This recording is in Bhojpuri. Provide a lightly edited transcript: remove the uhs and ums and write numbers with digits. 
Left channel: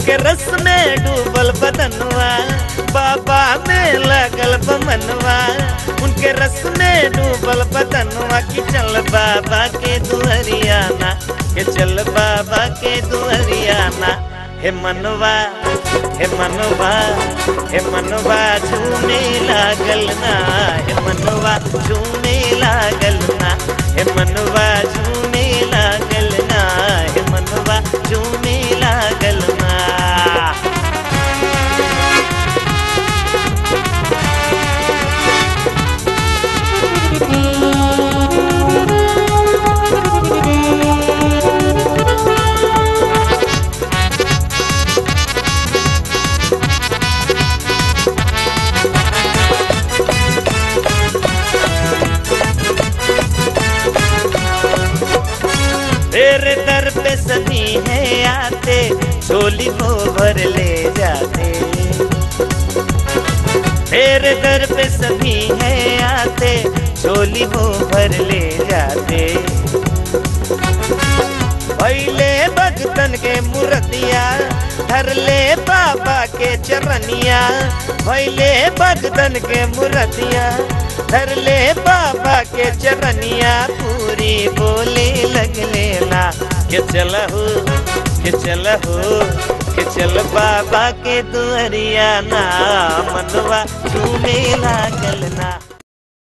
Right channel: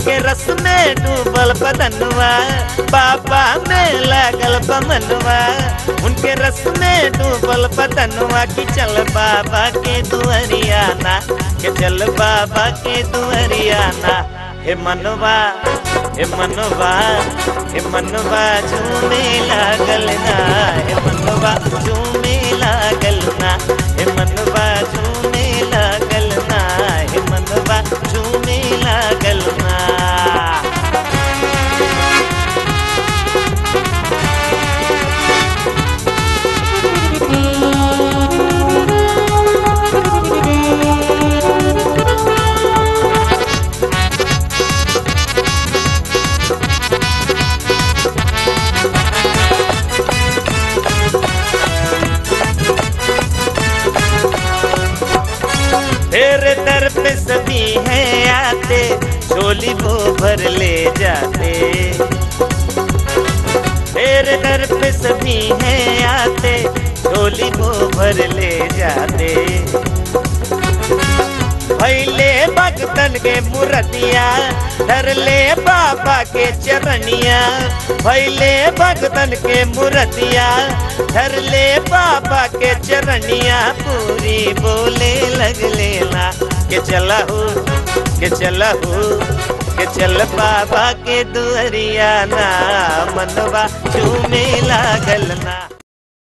उनके रस में डूबल बदनवा बाबा में लागल बमनवा उनके रस में डूबल बदनवा की चल बाबा के दुहरियाना के चल बाबा के दुहरियाना हे मनवा हे मनवा हे मनवा झूमे लागल ना हे मनवा झूमे लागल ना हे मनवा झूमे लागल ना हे मनवा झूमे लागल ना सभी है आते झोली को भर ले जाते मेरे दर पे सभी है आते झोली को भर ले जाते पहले भक्तन के मूर्तिया धर ले बाबा के चरनिया पहले भक्तन के मूर्तिया धर ले बाबा के चरनिया पूरी बोले लगले ला के चला हो के चला हो के चल बाबा के दुहरिया ना मनवा झूमे लागल ना।